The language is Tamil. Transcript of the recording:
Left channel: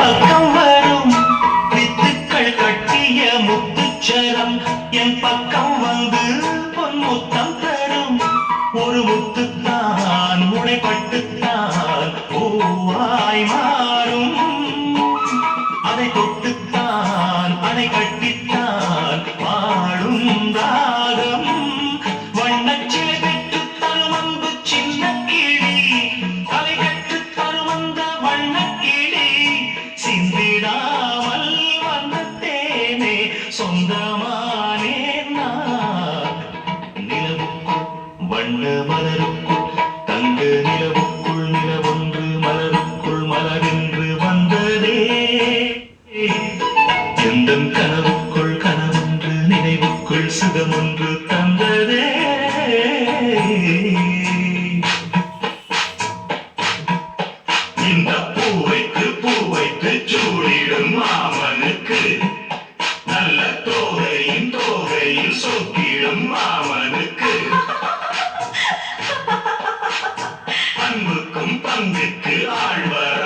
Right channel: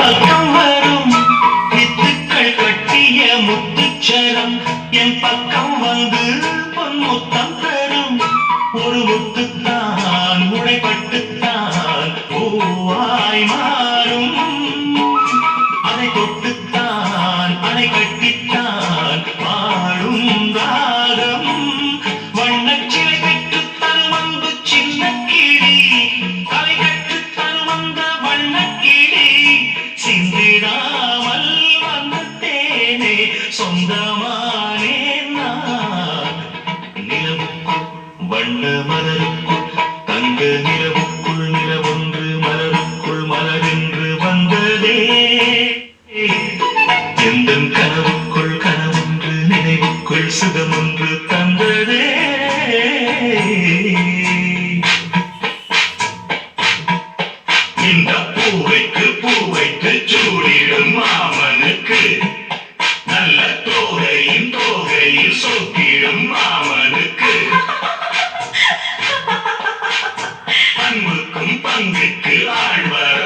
பக்கம் வரும் வித்துக்கள் கட்டிய முத்துச்சரம் என் பக்கம் வந்து பொன்முத்தம் தரும் ஒரு முத்துத்தான் உடைப்பட்டுத்தான் பூவாய் மாறும் அதை தொட்டுத்தான் அணை கட்டித்தான் பாடும் ராகம் வண்ணச்சிலை பெற்று தரும் அன்பு சின்ன கிளி தலை கற்று தரும் அந்த வண்ணக்கிளி சிந்திடாமல் வந்த தேனே சொந்தமானே நான் நிலவுக்குள் வண்ண மலருக்குள் தங்க நிலவுக்குள் நிலவொன்று மலருக்குள் மலரென்று வந்ததே எந்தன் கனவுக்குள் கனவொன்று நினைவுக்குள் சுகமொன்று தந்ததே இந்த பூவைக்கு பூவைக்கு சூடிடும் மாமனுக்கு நல்ல தோகையின் தோகையில் சொக்கிடும் மாமனுக்கு அன்புக்கும் பங்குக்கு ஆழ்வர